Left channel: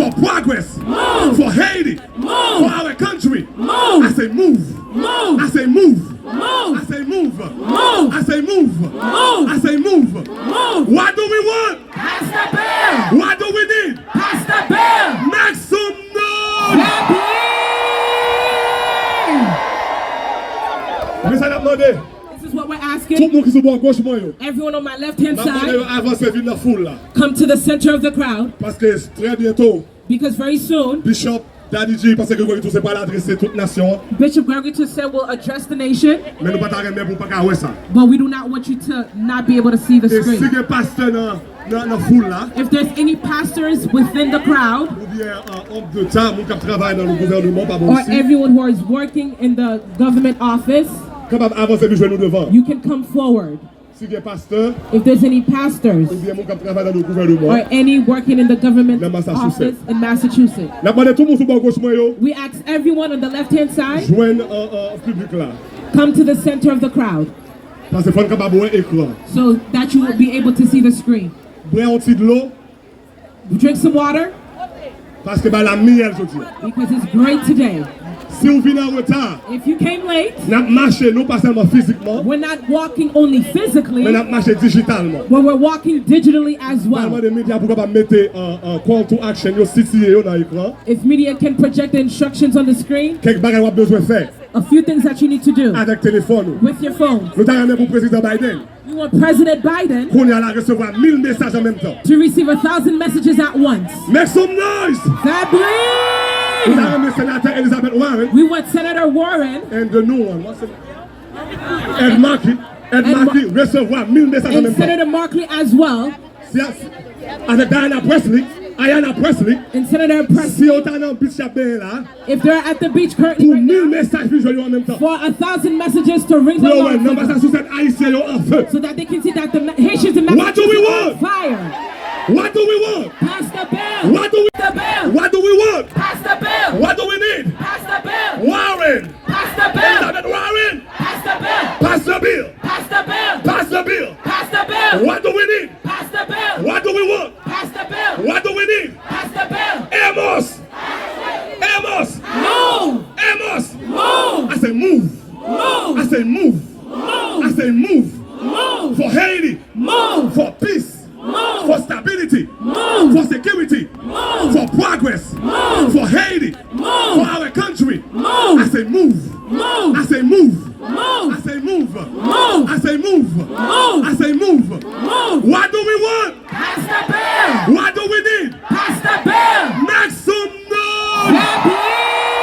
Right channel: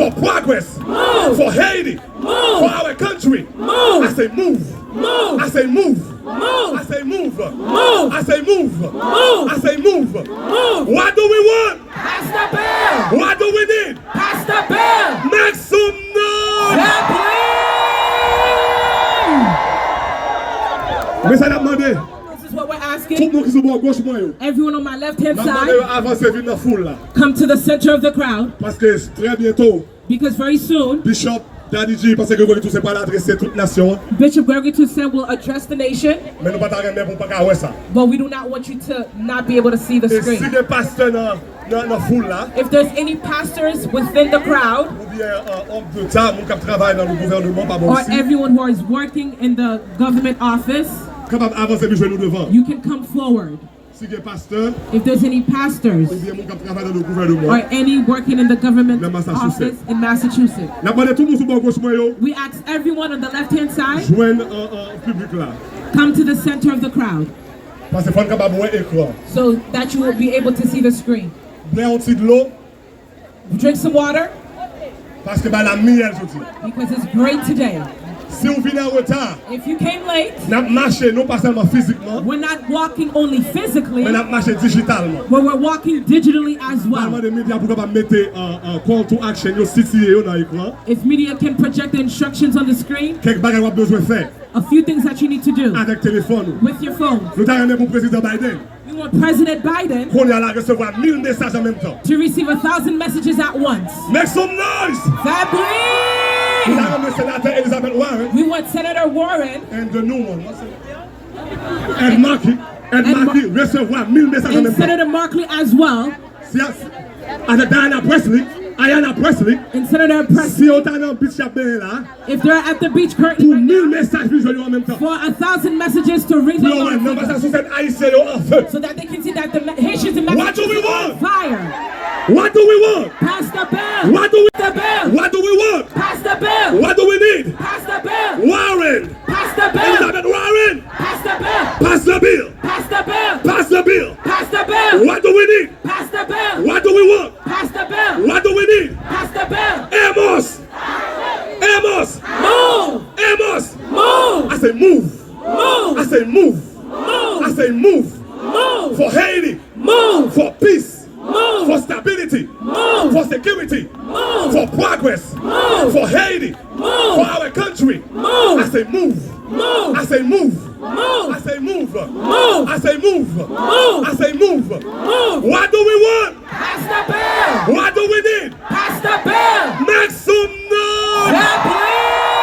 For progress. Move. For Haiti. Move. For our country. Move. I say move. Move. I say move. Move. I say move. Move. I say move. Move. I say move. Move. What do we want? Pass the bill. What do we need? Pass the bill. Make some noise. This Is what we're asking. Everyone on my left-hand side, come to the center of the crowd. Because very soon, Bishop Daddy G, parce que vous tous pas l'adresser toute nation. Bishop Gregory too said will address the nation. Mais nous pas ta remettre pour pas voir ça. But we do not want you to not be able to see the Et si screen. des pasteurs dans foule là, If there's any pastors within the crowd, ou bien homme de temps, mon qui travaille dans le gouvernement pas bon or aussi. everyone who is working in the government office, Capable avancer nous nous devant. you can come forward. Si des pasteurs, If there's any pastors ou bien mon qui travaille dans le gouvernement. or any working in the government Dans Massachusetts. office in Massachusetts, N'a pas de tout le monde sur le gauche moi yo. we ask everyone on the left-hand side, Joindre public là. come to the center of the crowd Parce que faut capable voir écran. so that you will be able to see the screen. Boire un petit de l'eau Drink some water parce que bah la miel je dis. because it's great today. Si vous venez en retard, If you came late, n'a marché non pas seulement physiquement, we're not walking only physically, mais n'a marché digitalement. but we're walking digitally as Parlement well. de médias pour capable mettre un call to action yo situé yo dans l'écran. If media can project the instructions on the screen, Quelques bagages qu'on a besoin de faire a few things that you need to do avec téléphone. with your phone. Nous avons pour président Biden You want President Biden qu'on y a là recevoir 1000 messages en même temps. to receive 1,000 messages at once. Make some noise. Nous Fably! avons le sénateur Elizabeth Warren We want Senator Warren and the new one. What's it? Ed Markey. Ed Markey recevoir 1000 messages en and même temps. Senator Markley as well, Avec Diana Presley, Ayanna Presley. and Senator Si Presley, on t'a dans Bishop Ben là, if they're at the beach pour currently right 1000 now, messages visuels en même temps. for 1,000 messages to ring Pour along non pas ça sous cette haïtien yo en feu. so that they can see that the Haitians and What do we Mexicans are on want? fire. What do we want? Pass the bill. What do we The bill. What do we want? Pass the bill. What do we need? Pass the bill. Warren. Pass the bill. Elizabeth Warren. Pass the bill. Pass the bill. Pass the bill. Pass the bill. Pass the bill. What do we need? Pass the bill. What do we want? Pass the bill. What do we need? Pass the bill. Amos. Amos. Move. Amos. Move. I say move. Move. I say move. Move. I say move. Move. For Haiti. Move. For peace. Move. For stability. Move. For security. Move. For progress. Move. For Haiti. Move. For our country. Move. I say move. Move. I say move. Move. I say move. Move. I say move. Move. I say move. Move. What do we want? Pass the bill. What do we need? Pass the bill. Make some noise.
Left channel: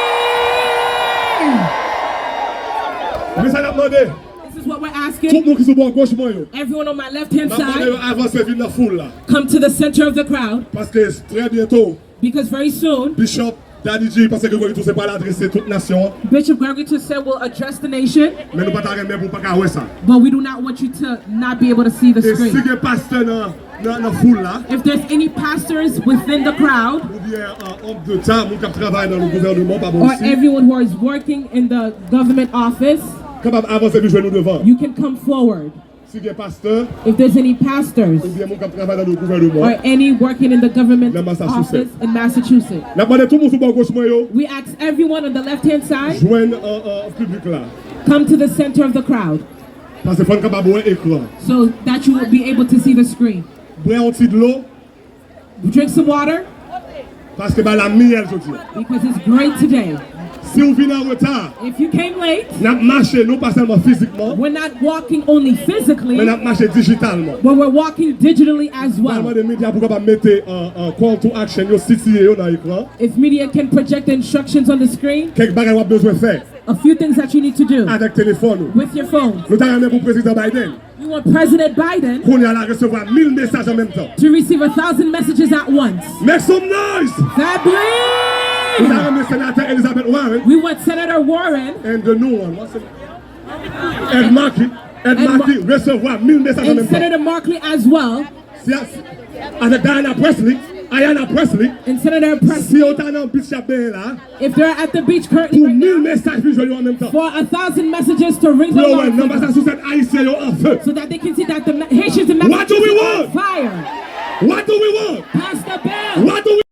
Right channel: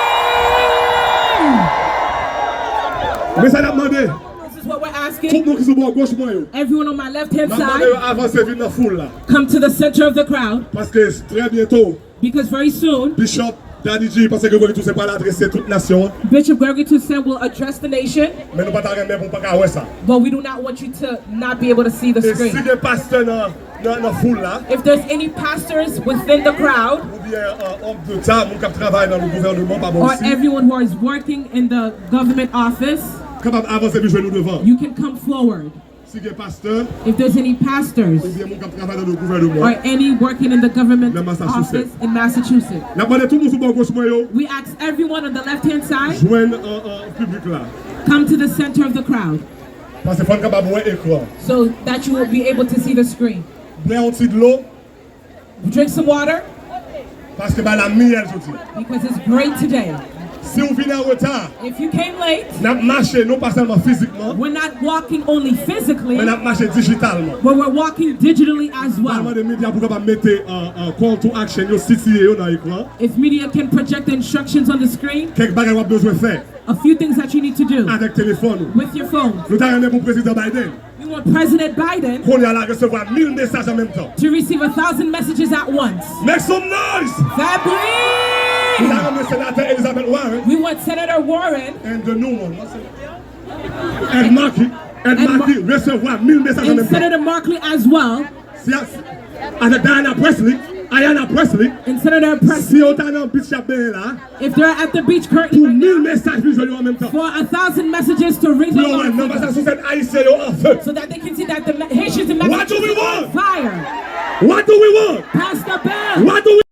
Mais ça n'a demandé. This is what we're Tout asking. le monde qui se voit à gauche moi yo. Everyone on my left-hand N'a pas side, avancer vite dans foule là. come to the center of the crowd Parce que très bientôt, because very soon, Bishop Daddy G, parce que vous tous pas l'adresser toute nation. Bishop Gregory too said will address the nation, Mais nous pas ta remettre pour pas voir ça. but we do not want you to not be able to see the Et si screen. des pasteurs dans foule là, If there's any pastors within the crowd ou bien homme de temps, mon qui travaille dans le gouvernement pas bon or aussi. everyone who is working in the government office, Capable avancer vite nous devant. you can come forward. Si des pasteurs, If there's any pastors ou bien mon qui travaille dans le gouvernement. or any working in the government Dans Massachusetts. office in Massachusetts, N'a pas de tout le monde sur le gauche moi yo. we ask everyone on the left-hand side, Joindre public là. come to the center of the crowd Parce que faut capable voir écran. so that you will be able to see the screen. Boire un petit de l'eau Drink some water parce que bah la miel je dis. because it's great today. Si vous venez en retard, If you came late, n'a marché non pas seulement physiquement, we're not walking only physically, mais n'a marché digitalement. but we're walking digitally as Parlement well. de médias pour capable mettre un call to action yo situé yo dans l'écran. If media can project the instructions on the screen, Quelques bagages qu'on a besoin de faire a few things that you need to do avec téléphone. with your phone. Nous avons pour président Biden You want President Biden qu'on y a là recevoir 1000 messages en même temps. to receive 1,000 messages at once. Make some noise. Nous Fably! avons le sénateur Elizabeth Warren We want Senator Warren and the new one. What's it? Ed Markey. Ed Markey recevoir 1000 messages en and même temps. Senator Markley as well, Avec Diana Presley, Ayanna Presley. and Senator Si Presley, on t'a dans Bishop Ben là, if they're at the beach currently pour right 1000 now, messages visuels en même temps. for 1,000 messages to ring Non along pas ça sous cette haïtien yo en feu. so that they can see that the Haitians and What do we Mexicans are on want? fire. What do we want? Pass the bill. What do we